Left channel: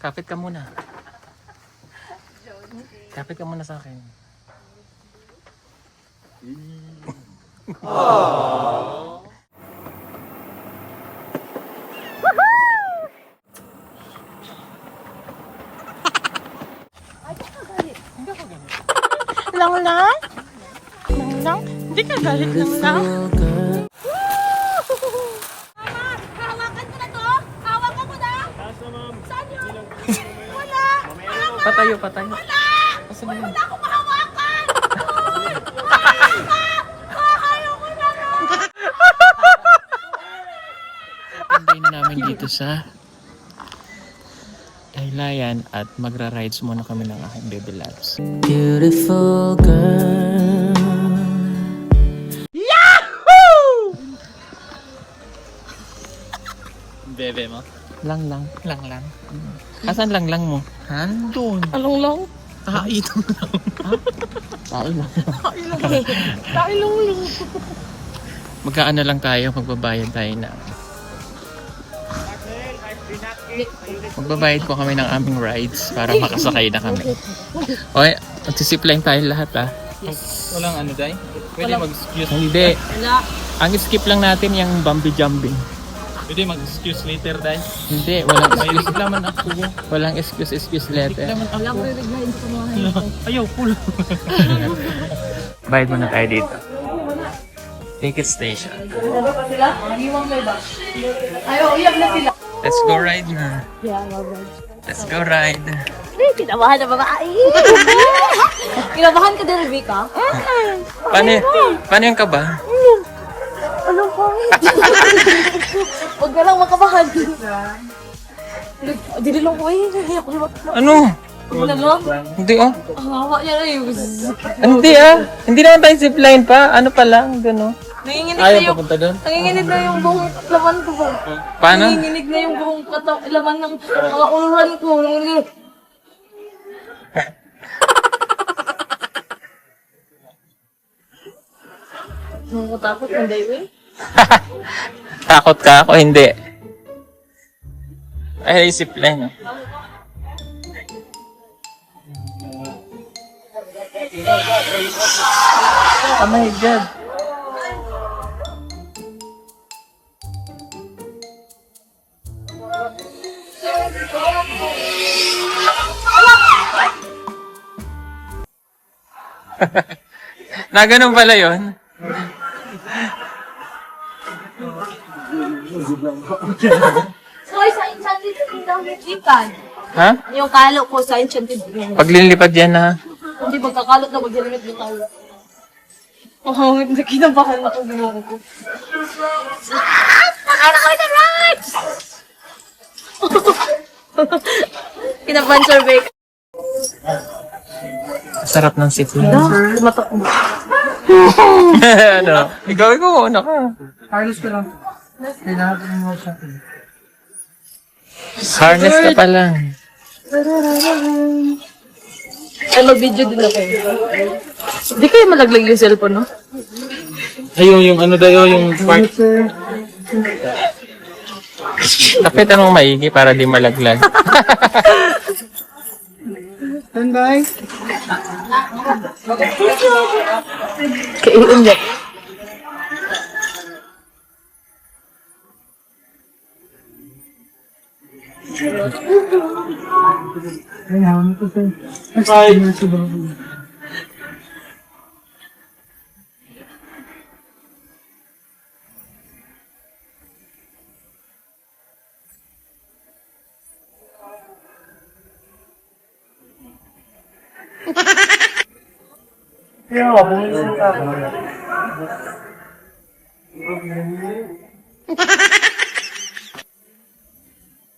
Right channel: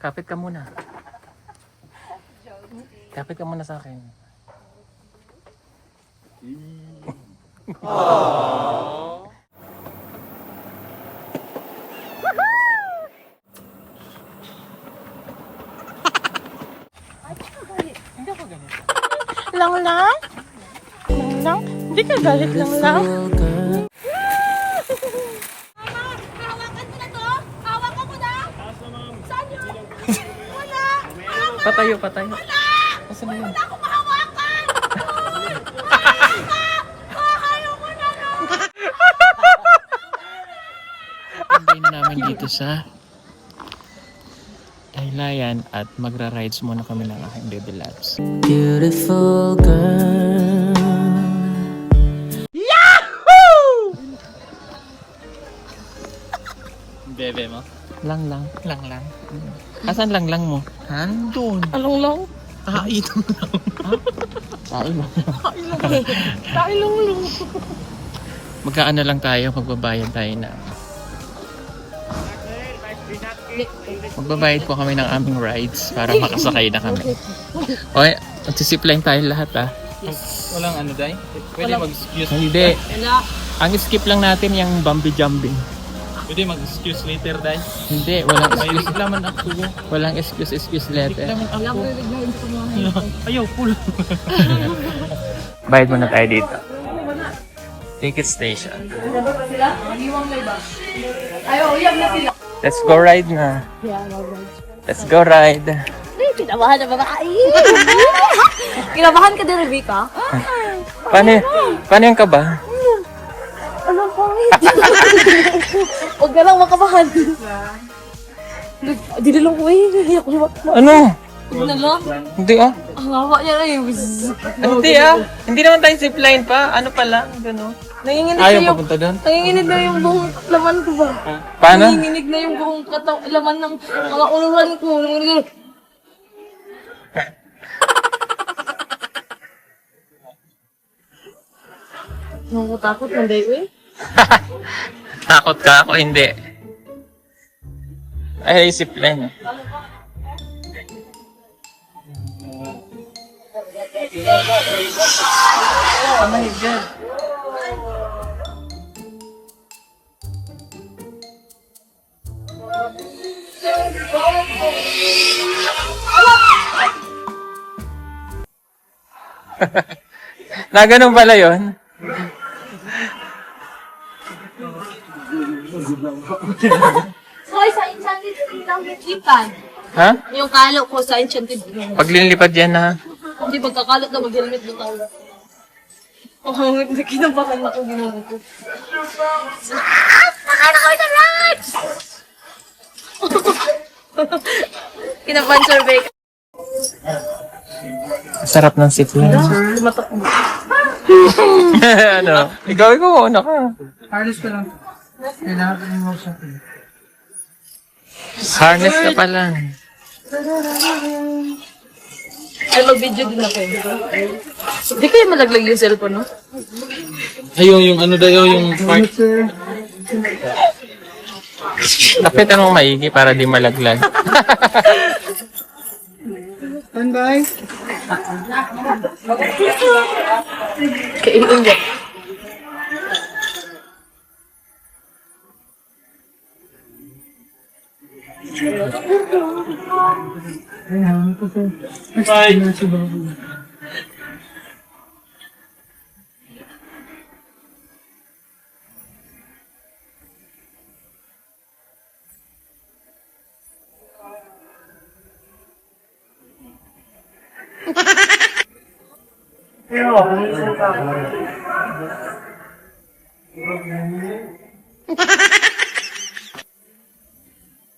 Kapit ka muna. Kapit ka muna sa akin. Aww. Hindi ako galit. Lang lang? Lang lang? Hindi ka galit lang lang? Hawakan mo na to! Hawakan mo na! Saan yun? Wala! Patayo, patayo. Wala! Asan na yun? Wala akong mahawakan! Ayaw ko na nga! Pagday na namin dito sa Daylayan at magra-rides muna kami ng aking baby labs. Beautiful girl. Yahoo! Bebe mo? Lang lang. Lang lang. Asan lang lang mo? Handun. Anong lang? Kain mo lang. Ha? Kain lang. Kain lang lang. Magkaano lang tayo, magbabayad tayo na. Magbabayad po kami ng aming rides para makasakay na kami. Okay, magsisipline tayo lahat ah. Yes. Walang ano day? Pwede mag-excuse. Wala. Hindi. Ang skip lang natin yung bumpy jumping. Pwede mag-excuse later, Day. Hindi, walang May excuse. naman ako. Walang excuse letter. Wala ko rin sa mga Ayaw, full. Bayad muna tayo dito. Ticket station. Let's go ride na. Yeah, mag-ride. Let's go ride. Kinabahan na babae. Kinabahan ka din, Vika? Paano yung kaba? Ano po? Huwag ka lang makabahan. Dinilong ko eh. Ano? Huwag na lang. Hindi ah. Ang hawa niya na yung... Hindi ah. Hindi naman tayo zipline pa. Ano pa lang, gano'n. Nanginginig Ayaw na yung... papunta doon? Nanginginig na yung buong laman ko ba? Paano? Nanginginig na yung buong laman ng mga uluran ko. Nanginginig. Nakakatakot, hindi eh. Takot ka ako? Hindi. Ay, zipline ah. Oh my God. Na ganun pala yun? Hoy, sa enchanted kingdom yung ipan. Ha? Yung kalo ko sa enchanted room. Pag linlipad yan ha? Hindi magkakalot na mag-helmet ng tao. Oh, hindi kinabahan ako ginawa ko. Kakain na kami ng rides! Kinabahan siya, Vic. Sarap ng zipline. Ano? Ikaw una ka. Harness ka lang. Kailangan mo sa akin. Harness ka pa lang. Ano, video din ako. Hindi kayo malaglag yung cellphone, no? Ayun, yung ano dayo, yung part. Kapitan mo maigi para di malaglag. Stand by. Kainin niya. Bye.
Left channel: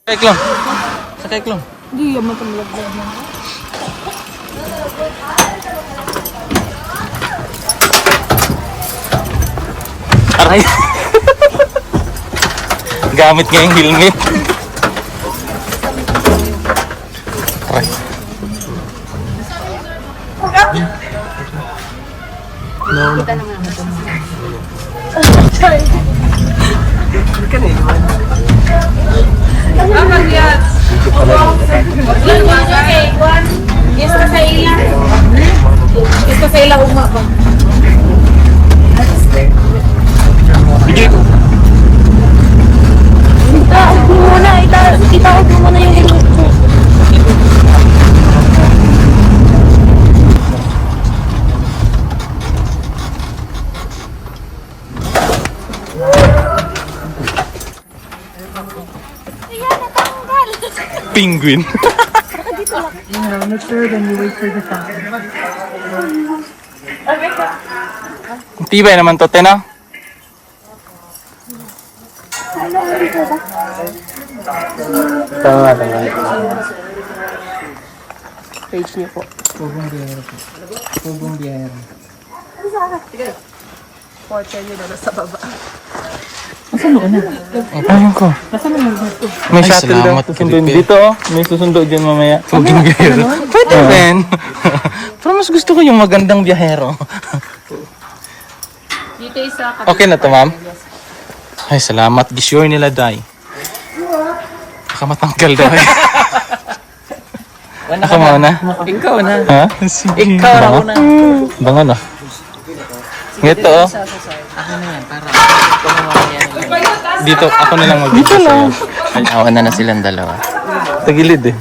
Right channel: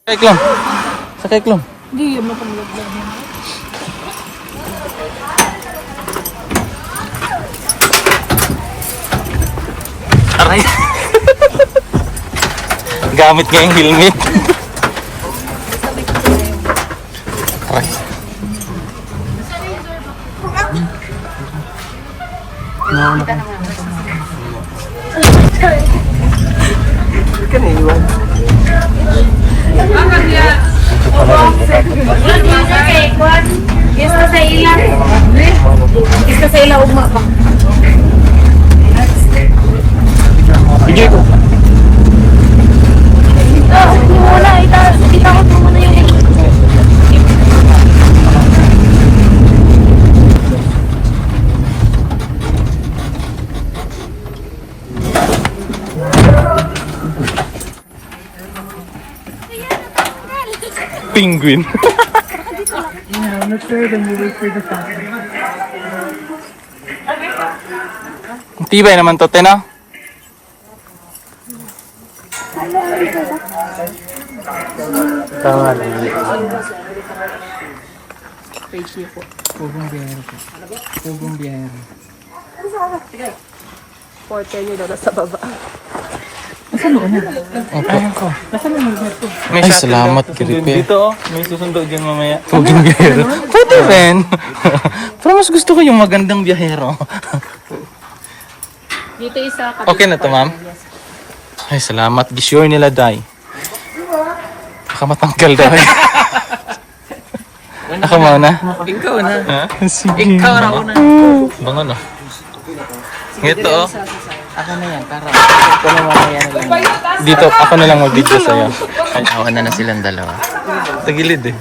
Keklong. Sa keklong. Hindi yan matamlaglag na. Aray. Gamit nga yung helmet. Aray. Penguin. Yeah, I'm not sure, then you wait for the shuttle. Tibay naman to, te, no? Tama. Page niyo po. Pugong biyahero po. Pugong biyahero. Porter niyo daw nasa baba. Okay ko. Ay, salamat, Kiripel. Dito, may susundo dyan mamaya. Pugong biyahero. Pwede rin. Pero mas gusto ko yung magandang biyahero. Dito isa. Okay na to, ma'am? Ay, salamat. Gisure nila, Day. Baka matanggal daw eh. Ako muna. Ikaw na. Ha? Sige. Ikaw na. Bangan ah. Ito oh. Akin na yan, para ako na mamaya na lang. Dito, ako na lang mag-video sa'yo. Ay, awan na silang dalawa. Sa gilid eh.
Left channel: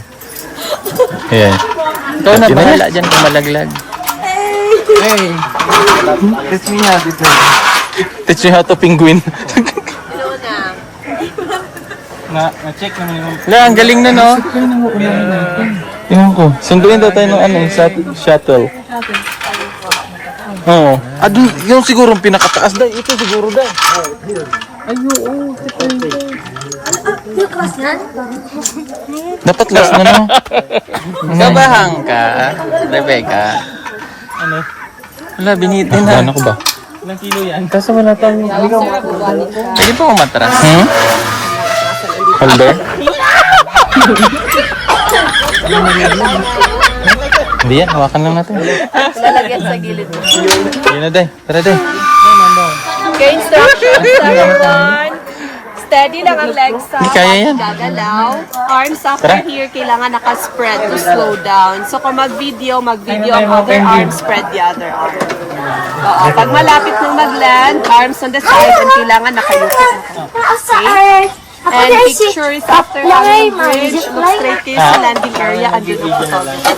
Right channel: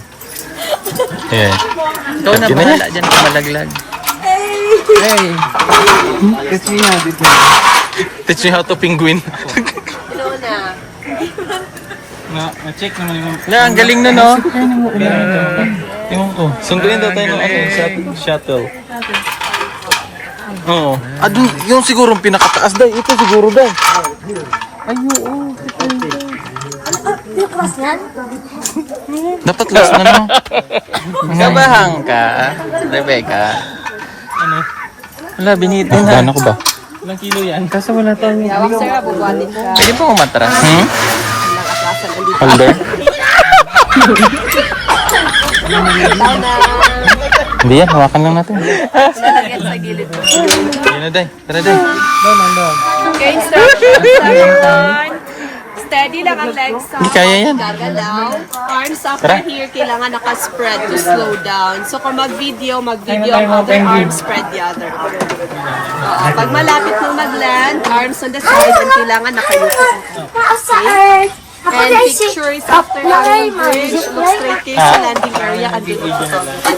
Ayan. Ikaw na bahala dyan kung malaglag. Hey! Kiss me ha, dito. Teach me how to penguin. Na-check naman yung... Wala, ang galing na no? Tingnan ko. Sunduin daw tayo ng shuttle. Oo. Dun, yung siguro yung pinakataas daw. Ito siguro daw. Cross yan? Dapat last na no? Kabahang ka, Rebecca. Ano? Wala, binitin ha. Ano ko ba? Ilang kilo yan? Kaso wala tayong... Pwede pa umatras. Hmm? Halder? Hindi yan, hawakan lang natin. Lalagyan sa gilid mo. Yan na day. Tara day. Okay, instruction. Steady lang ang legs Hindi kaya yan. gagalaw. Arms after Tara. here, kailangan naka-spread to slow down. So kung mag-video ang other arm, spread the other arm. Oo, pag malapit na mag-land, arms on the side, and kailangan nakayuko. Okay? And pictures after our bridge, look straight kayo sa landing area and do it.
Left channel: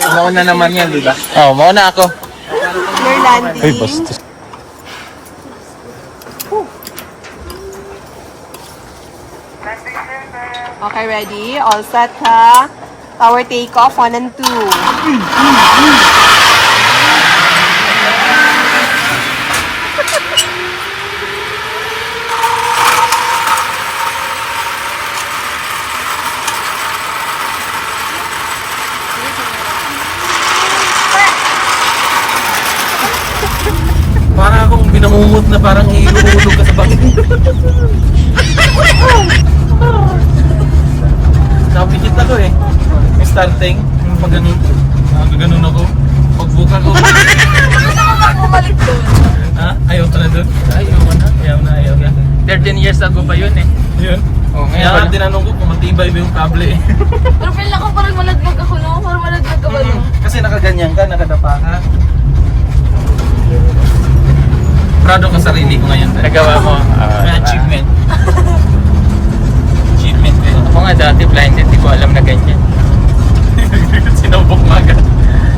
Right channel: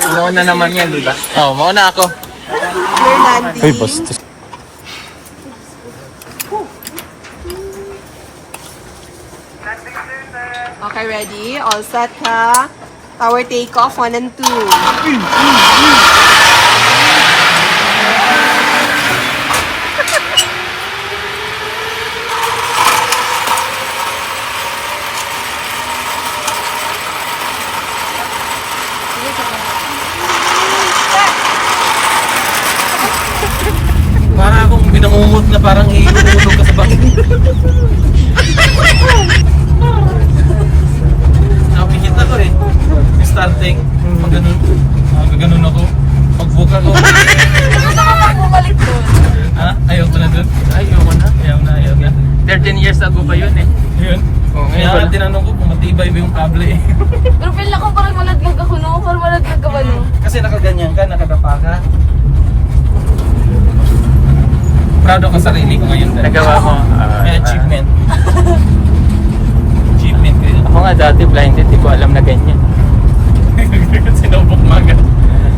Mauna naman yan, di ba? Oo, mauna ako. We're landing. Ay, basta. Okay, ready? All set ha? Power takeoff, 1 and 2. Para akong binangungot na parang iulog ka sa bangin. Napikit ako eh. Yung starting, pag ganun. Gaganon ako. Pagbuka ko. Ha? Ayaw ka na dun? Ayaw ko na. Ayaw na. 13 years ago pa yun eh. Yun. Oo, Kaya ngayon nga wala. tinanong ko kung matibay ba yung kable eh. Pero feel ako parang malatag ako no? Parang malatag ako no? Kasi nakaganyan ka, nakadapa ka. Proud ako sa sarili ko ngayon. Nagawa mo. Achievement. Achievement ko yun. Ako nga dati blinded, di ko alam na ganyan. Sinubok maga.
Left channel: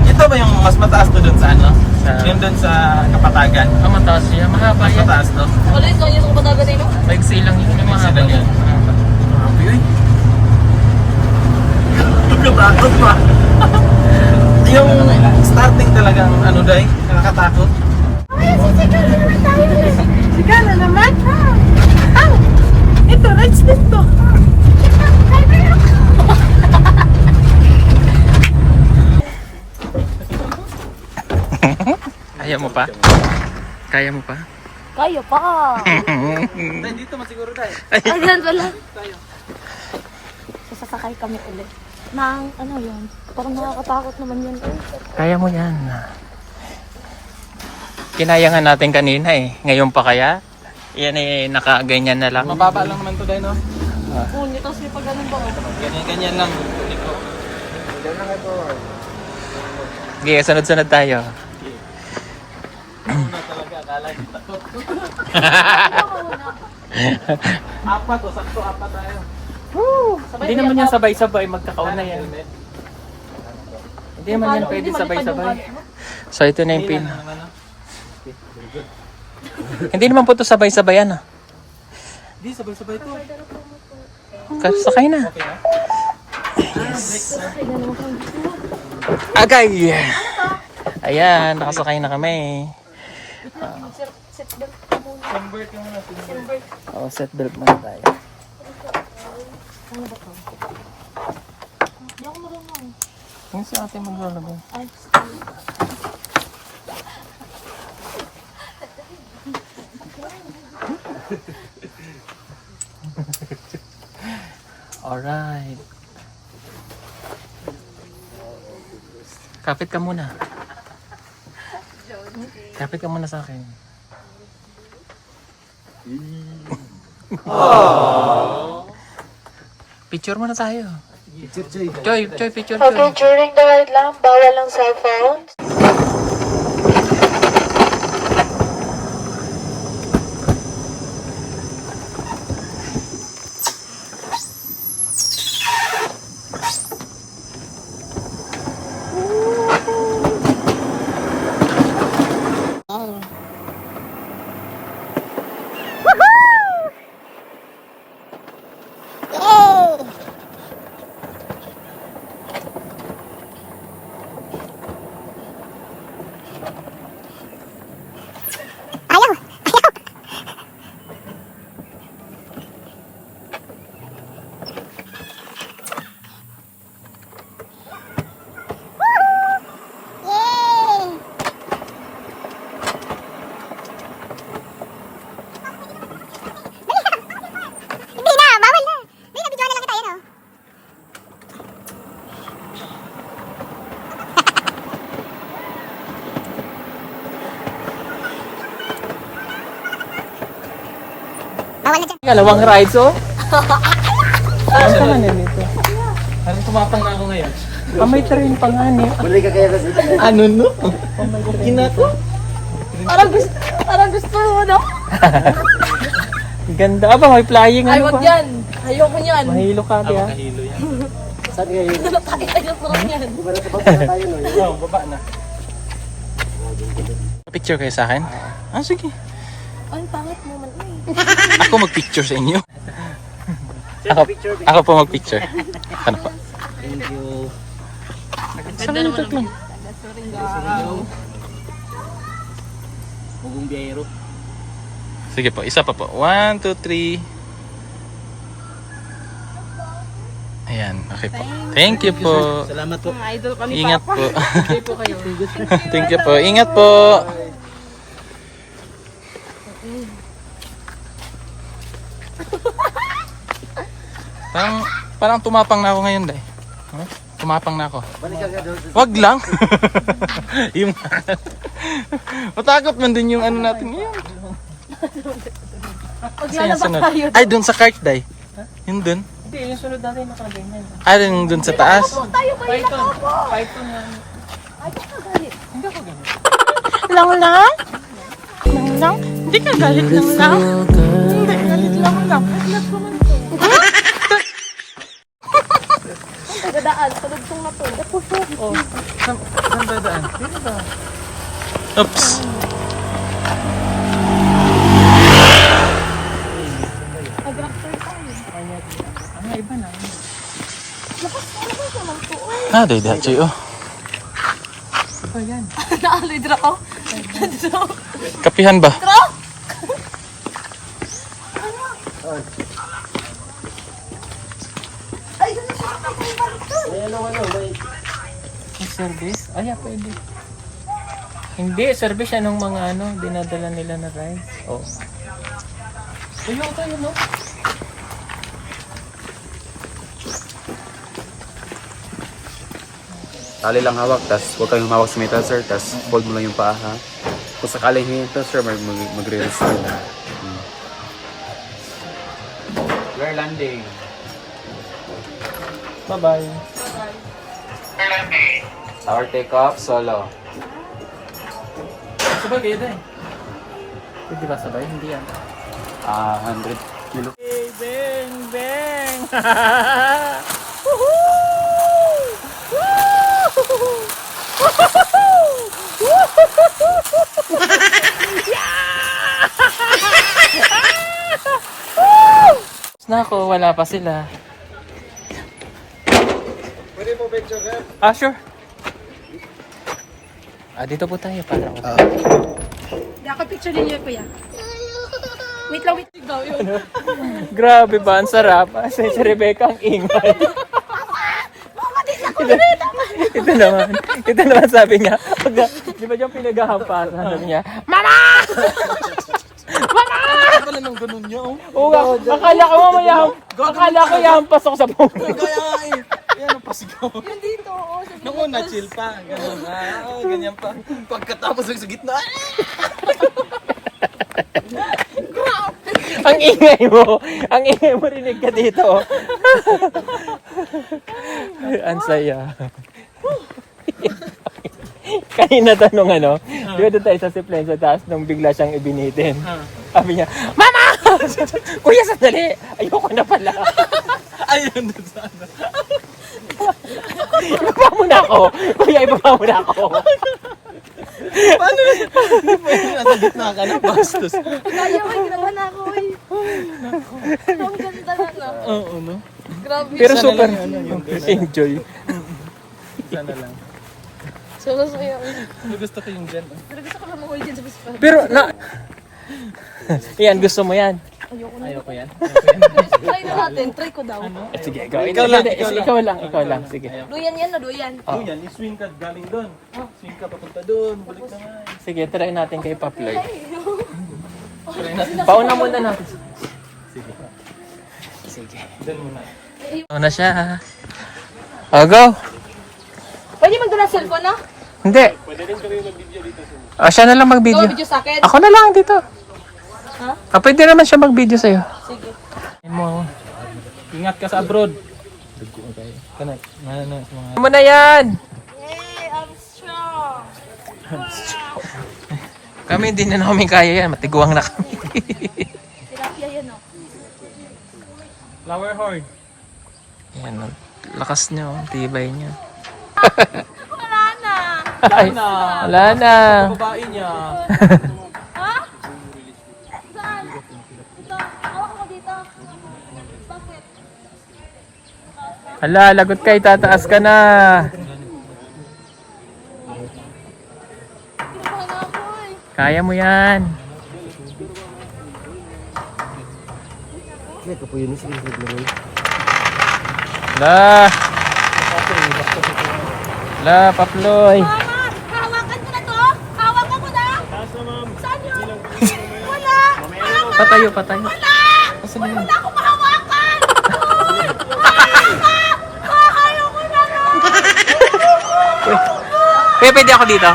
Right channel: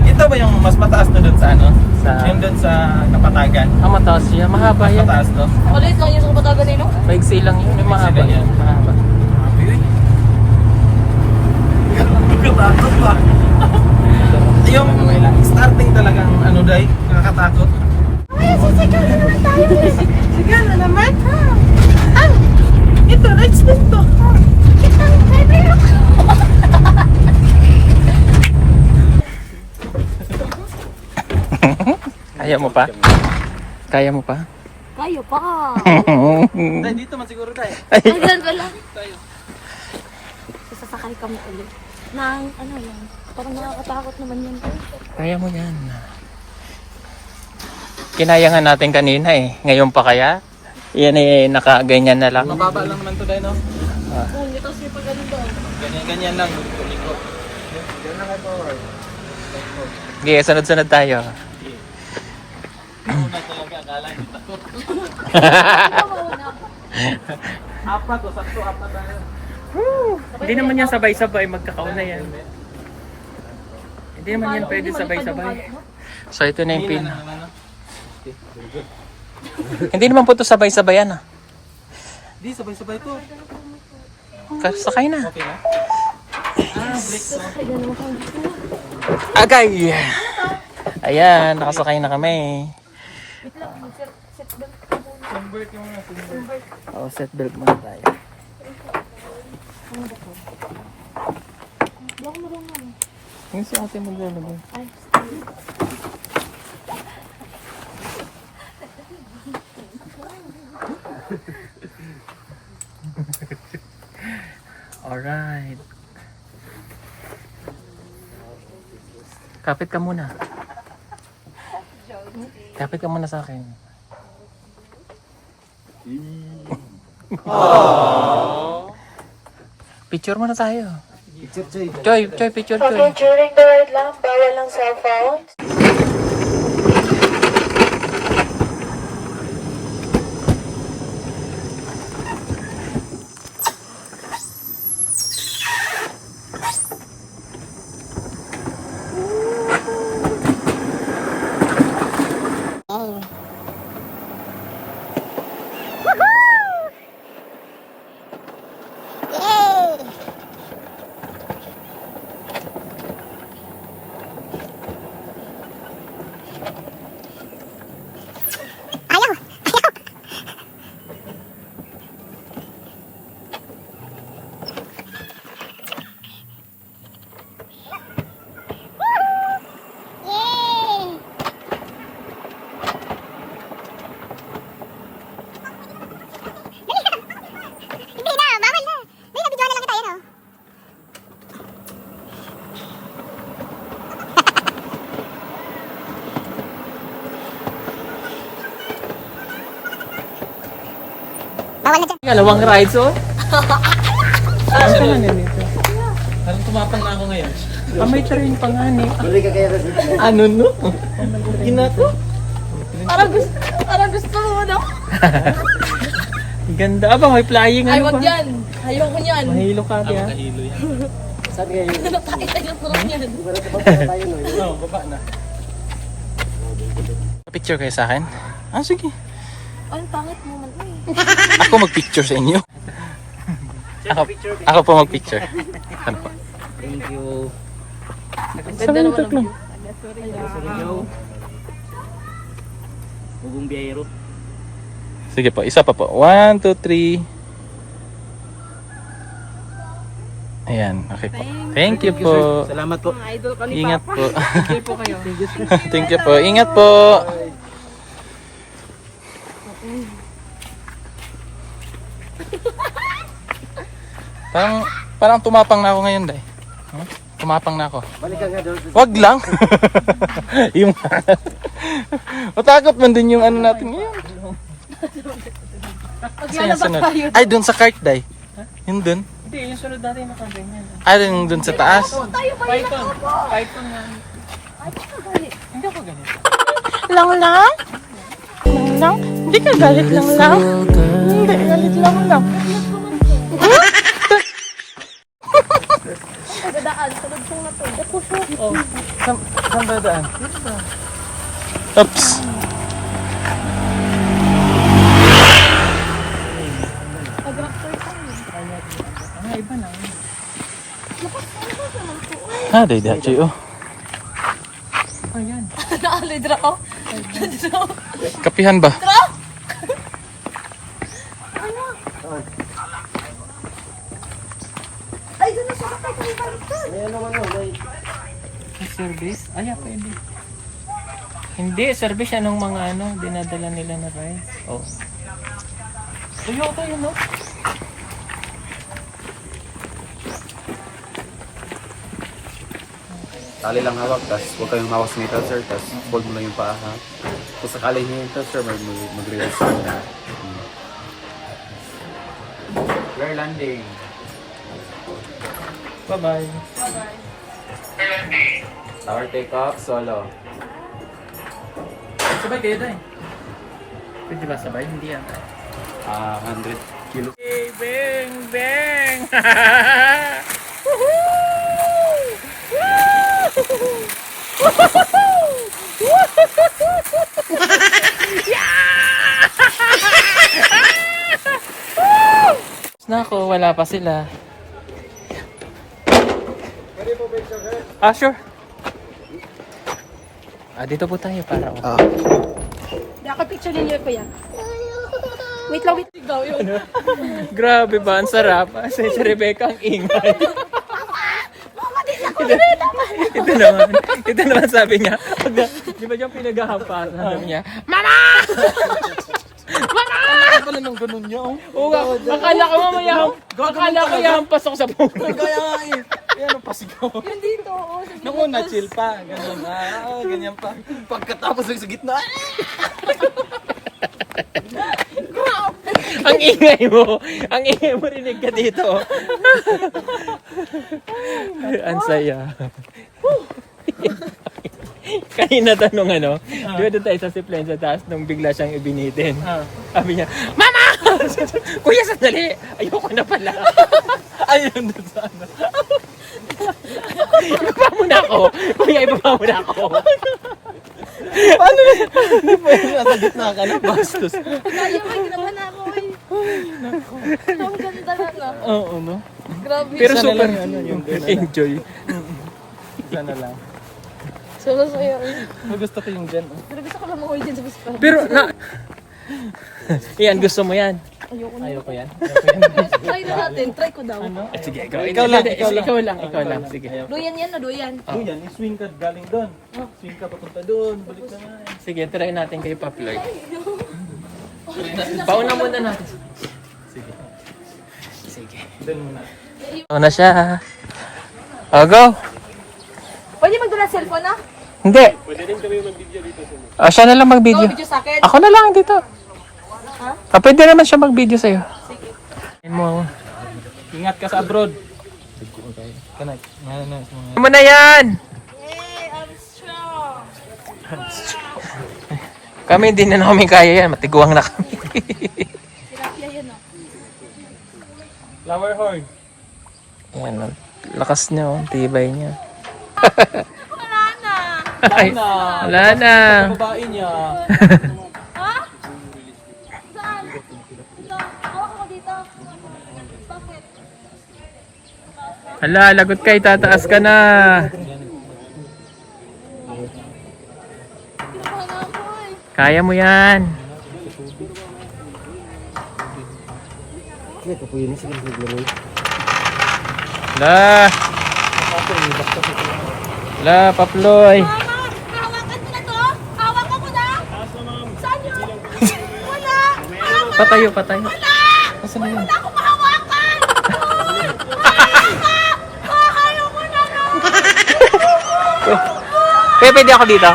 Ito ba yung mas mataas to dun sa ano? Sa- Yung dun sa Kapatagan. Ang mataas yan, mahaba Mas yan. mataas to. Ulit ko yung patago dito. Paigsi lang yun, yung mahaba Paigsi lang yan. yan. Mahaba. Uy. Nakatakot ma. Yung starting talagang ano day, nakakatakot. Sige na naman. Ito, rights din to. Kaya mo pa? Kaya mo pa? Kayo pa. Dito man siguro day. Ay, ganun pala. Sasakay kami ulit. Nang, ano yan? Parang nakakatakot naman yan. Kaya mo yan. Kinaya nga natin kanina eh. Ngayon pa kaya? Yan eh, nakaganyan na lang. Mababa lang naman to day no. Oo, tapos may pag-ganun ba ko? Ganyan lang. Liko. Okay, sunod-sunod tayo. Una talaga akala hindi takot. Apat o sakto apat tayo. Hindi naman yan sabay-sabay, magkakauna yan. Hindi naman yan pwede sabay-sabay. So ito na yung pin. Hindi naman po ito sabay-sabay ano. Hindi sabay-sabay to. Sakay na. Okay na. Agay! Ayan, nakasakay na kami. Oo, seatbelt muna tayo. Yung sa atin maglalagay. Alright. Kapit ka muna. Kapit ka muna sa akin. Picture muna tayo. Choy, picture, Choy. Okay, during the ride lang, bawal ang cellphone. Dalawang rides, oh. Ano ka na nito? Parang tumapang na ako ngayon. May train pa nga, no? Ano no? Ginato. Parang gusto mo, no? Ganda. Aba, may flying, Ay, ano wag ba? yan. Ayoko niyan. Mahilo ka, tiya. Picture kayo sa akin? Ah, sige. Ay, pangit mo man. Ay. Ako mag-picture sa inyo. Ako po mag-picture. Ano po? Thank you. Sa kayo tatlo. Bugong biyahero. Sige po, isa pa po. 1, 2, 3. Ayan, okay po. Thank you po. Salamat po. Ingat po. Thank you po. Ingat po. Parang tumapang na ako ngayon, Day. Tumapang na ako. Wag lang. Yung matakot man din yung ano natin ngayon. Saan yung sunod? Ay, dun sa cart, Day. Yung dun. Hindi, yung sunod natin nakaganyan. Ay, dun sa taas. Python. Python nga. Hindi ako ganito. Lang lang? Lang lang? Hindi ka galit lang lang? Hindi, galit lang lang. Saan ba daan? Oops. Iba na. Day, Dachi, oh. Naalidra ko. Kapihan ba? May service? Ay, pwede. Hindi, service yan ng mga dinadala nila na rides. Oh. Toyota yun, no? Tali lang hawak, tas huwag kayong hawak sa metal, sir, tas hold mo lang yung paa, ha? Kung sakaling hinto, sir, mag-release ka dyan. Clear landing. Bye-bye. Tower take off, solo. Sabay kayo din. Pwede ba sabay? Hindi yan. 100 kilo. Bang! Bang! Nako, wala pa sila. Ah, sure. Dito po tayo para Hindi ako picture ninyo, kuya. Wait lang, daw yun. Grabe ba? Ang sarap. Si Rebecca ang ingay. Ito naman sabi niya. Di ba dyan pinaghahamparan? Sabi niya, Mama! Mama! Pala nang ganun niya, oh. Oo, akala ko mamaya. Akala ko yan pasok sa buong. Kaya nga eh. Yan ang pasigaw. Yun dito, oo. Nung una, chill pa. Ganun na. Ganyan pa. Pagkatapos lang sa gitna. Ang ingay mo. Ang ingay mo rinig ka dito. Ay, ang saya. Kanina tanong ano, di ba doon tayo sa zipline sa taas nung bigla siyang ibinitin. Sabi niya, Mama! Kuya, sandali! Ayoko na pala. Ayun doon sa ano. Ibaba mo na ako. Kuya, ibaba mo na ako. Nasa gitna ka na. Bastos. Naman ako eh. Ang ganda na. Oo, no? Grabe. Pero Sana super lang, ano, yung gano'n. enjoy. Sana lang. So, masaya eh. Gusto ko yung gano'n. Pero gusto ko lang makuha dyan sa gusto. Pero na... Yan, gusto mo yan. Ayoko na. Ayoko yan. Try na natin. Try ko daw. Sige, Ikaw lang. Ikaw lang. Sige. Duyan yan na, duyan. Oh. Yan, swing ka galing doon. Swing ka papunta doon. Balik naman. Sige, try natin kay Paploy. Pauna muna natin. Sige. Doon muna. Ano na siya? Go. Pwede magdala cellphone na? Hindi. Pwede rin kami mag-video dito sa siya na lang mag-video. Video sa akin? Ako na lang dito. Ha? Pwede naman siya mag-video sa'yo. Sige. Ingat ka sa abroad. Kanak. Ano mo na yan? Hey, I'm strong. Kami hindi na namin kaya yan. Matiguang na kami. Tilapia yan, oh. Flower horn. Yan. Ang lakas niya. Oh. Tibay niya. Wala na. Ay, wala na. Babae niya. Ha? Saan? Ito. Hawak mo dito. Bakit? Hala, lagot ka. Tataas ka na. Kinabahan na ako eh. Kaya mo yan. La. La, Paploy. Mama, hawakan ko na to. Hawakan ko na. Saan yun? Wala. Mama, Patayo. wala akong mahawakan. Mama, ayaw ko na nga. Pwede ako dito?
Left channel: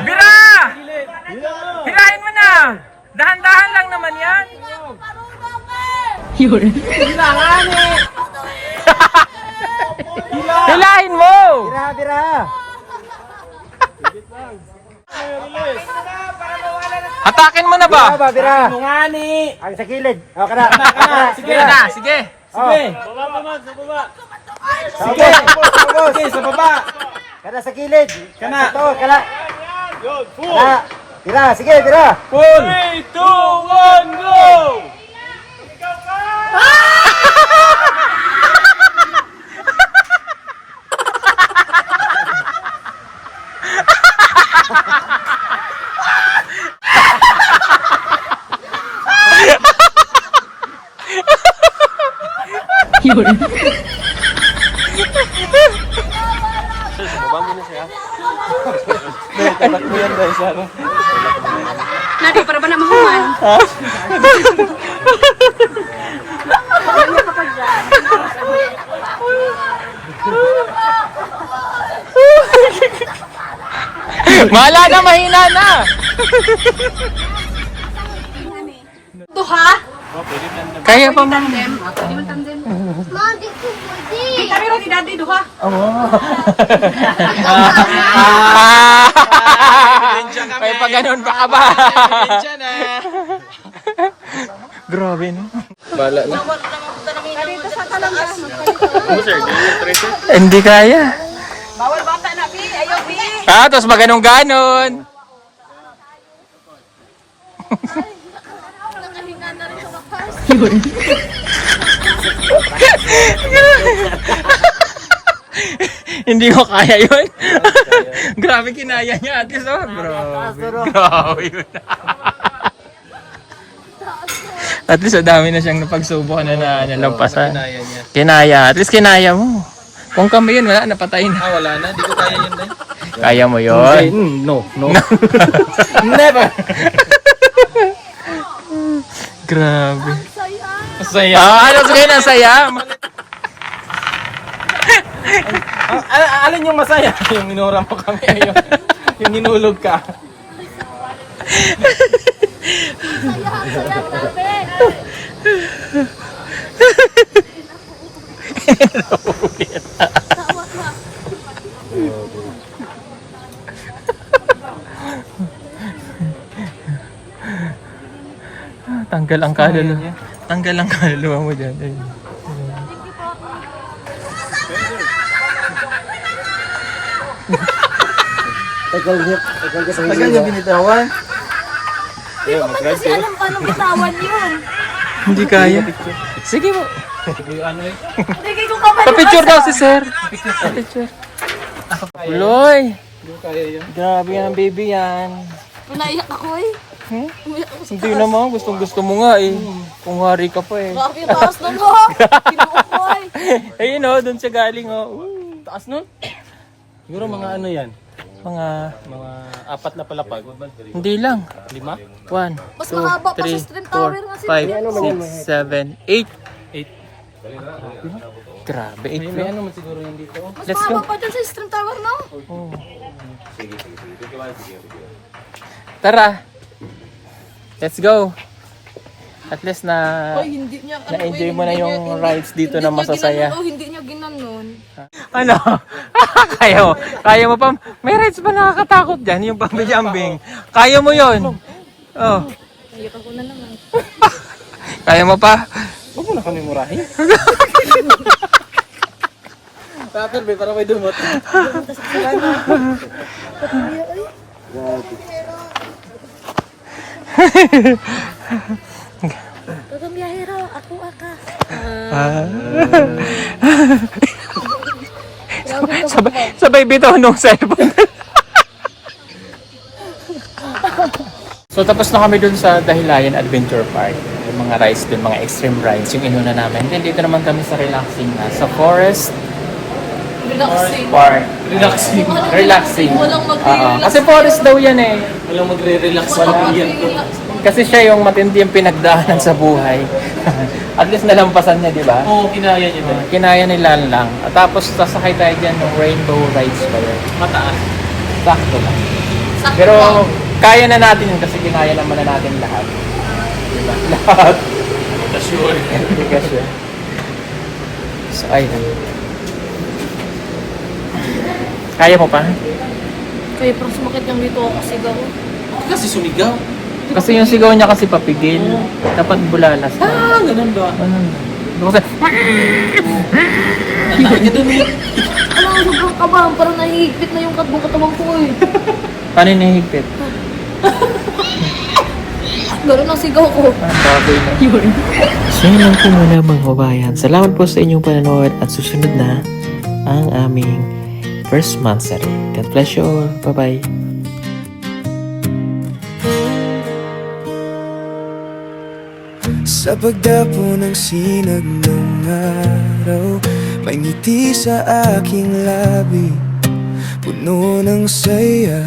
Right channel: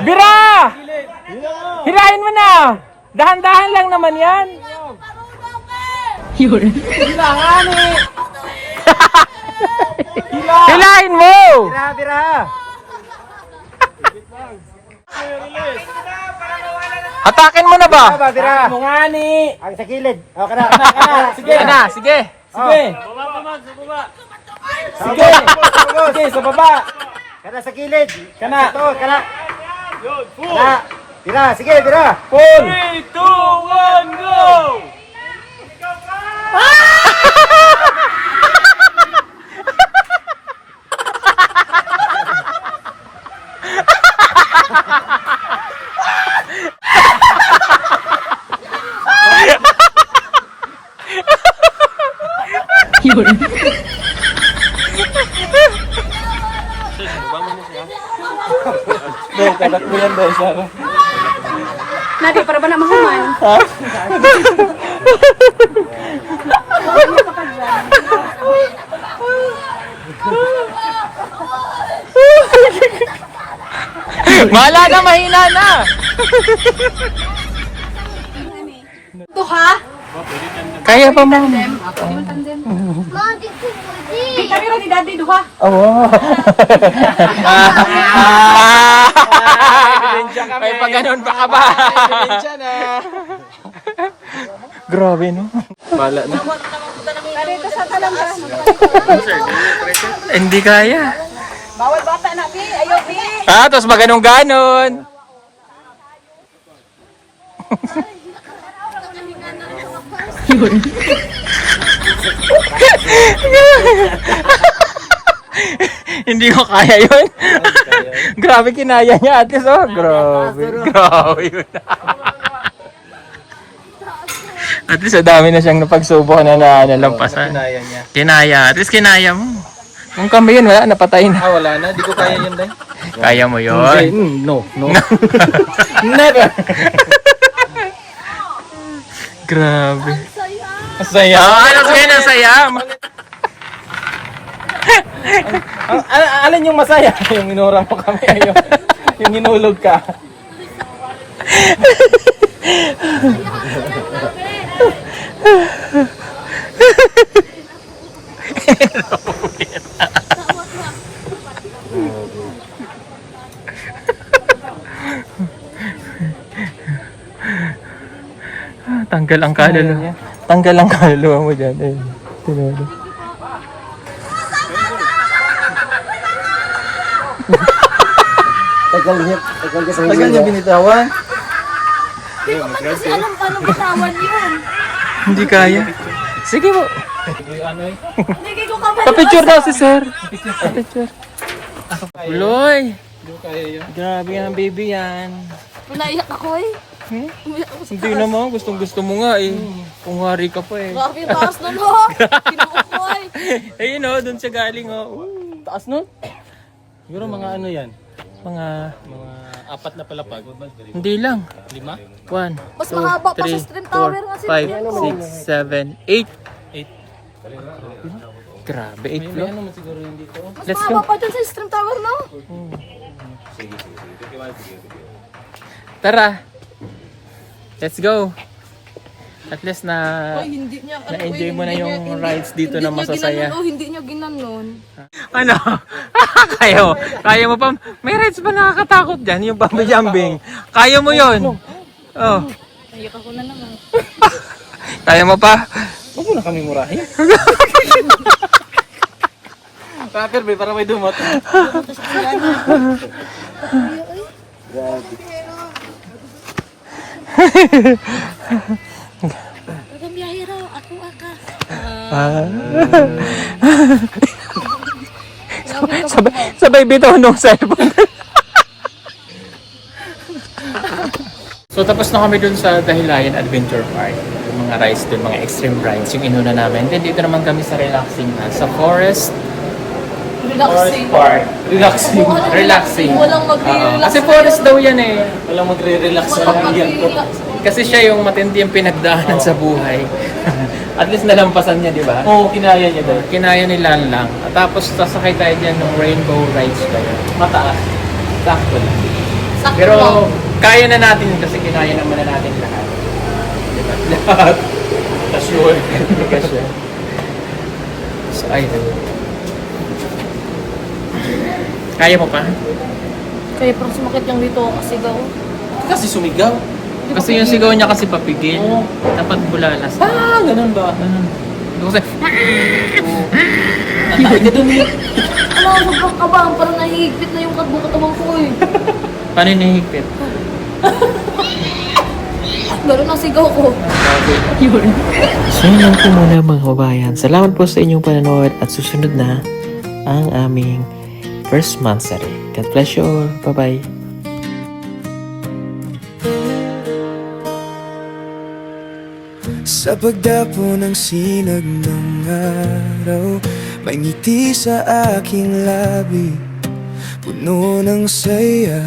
Bira! Hirahin mo na! Dahan-dahan lang naman yan. Hilahin mo! Hatakin mo na ba? Ang sa gilid. O, kana. Sige. Sige. Sige, sa baba. Kana sa gilid. Kana. Ito, kana. Kana. Tira, sige, tira. Pull. 3, 2, 1, go! Nabi, para ba na mahuman? Wala na, mahina na. Ito ha? Kaya pa, ma'am. Mom, kami rin ni Daddy, duha. Oo. May pa ganun pa ka ba? Grabe, no? Bala na. Hindi kaya. Bawal bata na, Pi. Ayaw, Pi. Tapos maganon-ganon. Hindi ko kaya yun. Grabe kinaya niya at least. Oh, grabe. Grabe yun. At least dami na siyang napagsubok na nalampasan. Kinaya. At least kinaya mo. Kung kami yun, wala, napatay na. Wala na, di ko kaya yun din. Kaya mo yun. No. Never. Grabe. Saya. Ano sige na saya? Alin yung masaya? Yung minura mo kami. Yung hinulog ka. Tanggal ang kaluluwa. Tanggal ang kaluluwa mo dyan. Eh. Tagal ka sa Tagal yung binitawan. Kasi alam paano bitawan yun. Hindi kaya. Sige mo. Hindi ko kapag Pa-picture daw si sir. Pa-picture. Loy. Hindi ko kaya yun. Grabe yan, baby yan. naiyak ako eh. Hindi naman. Gustong-gusto mo nga eh. Kung hari ka pa eh. Grabe yung taas nun ho. Kinuok ko eh. Ayun o, doon siya galing o. Taas nun? Siguro mga ano yan? Mga... Mga 4 na palapag. Hindi lang. 5? 1, Mas 2, mahaba pa sa 3, stream tower nga 4, 5, 6, 7, sila. 8. Grabe, 8 May floor. ano man siguro yan dito. Mas Let's mahaba go. pa dun sa stream tower no? Tara. Let's go. At least na hindi niya. na-enjoy mo na yung rides dito na masasaya. Hindi niya ginanon. Ano? Kaya mo pa? May rides ba nakakatakot dyan? Yung bungee jumping. Kaya mo yon. Oh. Naiyak ako na naman. Kaya mo pa? Huwag mo na kami murahin. Paper be, para may dumot. Pagambiyahero, ako aka. sabay bitaw nung cellphone. So tapos na kami dun sa Dahilayan Adventure Park. Yung mga rides dun, mga extreme rides, yung inuna namin. Then dito naman kami sa relaxing na, sa Forest Park. Relaxing. Relaxing. Walang mag-relax. Kasi forest daw yan eh. Walang magre-relax. Walang mag-relax. Kasi siya yung matindi yung pinagdaanan sa buhay. At least nalampasan niya, di ba? Oo, kinaya niya doon. Kinaya nila lang. At tapos sasakay tayo dyan ng rainbow rides pa yun. Mataas. Sakto lang. Sakto Pero lang. kaya na natin yun kasi kinaya naman na natin lahat. Diba? Lahat. Sure. Hindi ka sure. So, ayun. Kaya mo pa? Kaya parang sumakit lang dito ako kasi daw. Kasi sumigaw. Kasi yung sigaw niya kasi papigil. Dapat bulalas. Ganun ba? Kasi, Alam ko, sobrang kabang. Parang nahihigpit na yung katawan ko eh. paano nihigpit? Gano'n ang sigaw ko. So yun lang po muna mga kabayan. Salamat po sa inyong panonood at susunod na ang aming first monthsary. God bless you all. Bye-bye. Sa pagdapo ng sinag ng araw, may ngiti sa aking labi, puno ng saya.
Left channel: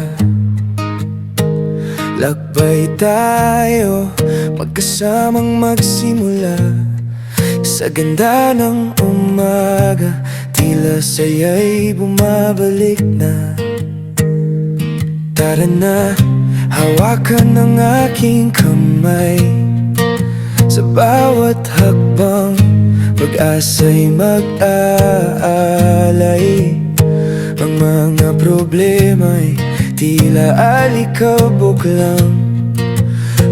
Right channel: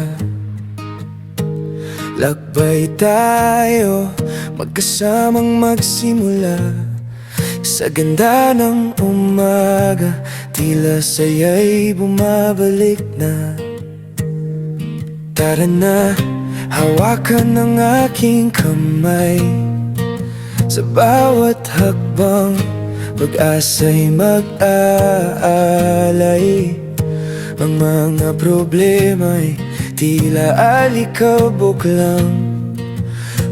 Lakbay tayo, magkasamang magsimula. Sa ganda ng umaga, tila saya'y bumabalik na. Tara na, hawakan ng aking kamay. Sa bawat hakbang, pag-asa'y mag-aalay. Ang mga problema'y tila alikabok lang.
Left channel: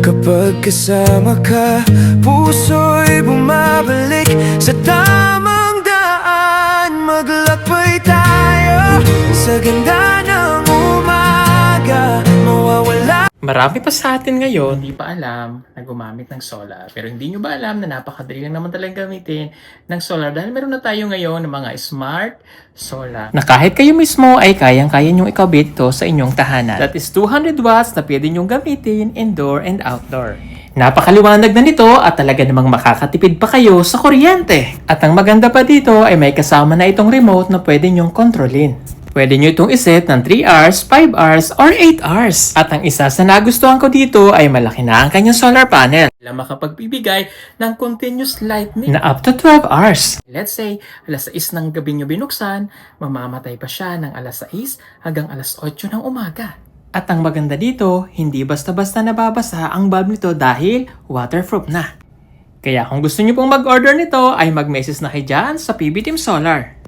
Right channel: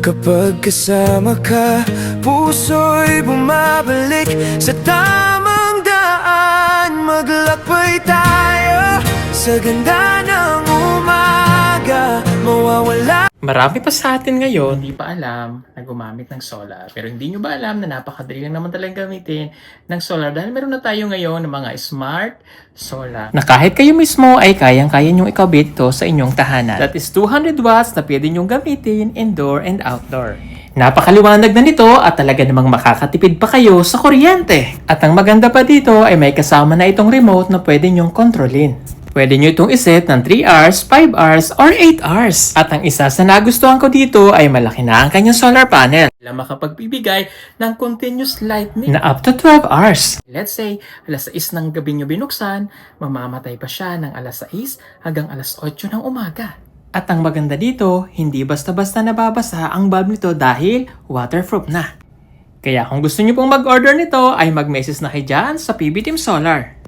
Kapag kasama ka, puso'y bumabalik sa tamang daan. Maglakbay tayo sa ganda ng umaga, mawawala. Marami pa sa atin ngayon hindi pa alam na gumamit ng solar. Pero hindi nyo ba alam na napakadali lang naman talagang gamitin ng solar dahil meron na tayo ngayon ng mga smart solar na kahit kayo mismo ay kayang-kaya nyong ikabit ito sa inyong tahanan. That is 200 watts na pwede nyong gamitin indoor and outdoor. Napakaliwanag na nito at talaga namang makakatipid pa kayo sa kuryente. At ang maganda pa dito ay may kasama na itong remote na pwede nyong kontrolin. Pwede nyo itong iset ng 3 hours, 5 hours, or 8 hours. At ang isa sa nagustuhan ko dito ay malaki na ang kanyang solar panel. Na makapagbibigay ng continuous lightning na up to 12 hours. Let's say, alas 6 ng gabi nyo binuksan, mamamatay pa siya ng alas 6 hanggang alas 8 ng umaga. At ang maganda dito, hindi basta-basta nababasa ang bulb nito dahil waterproof na. Kaya kung gusto nyo pong mag-order nito ay mag-message na kayo dyan sa PB Team Solar.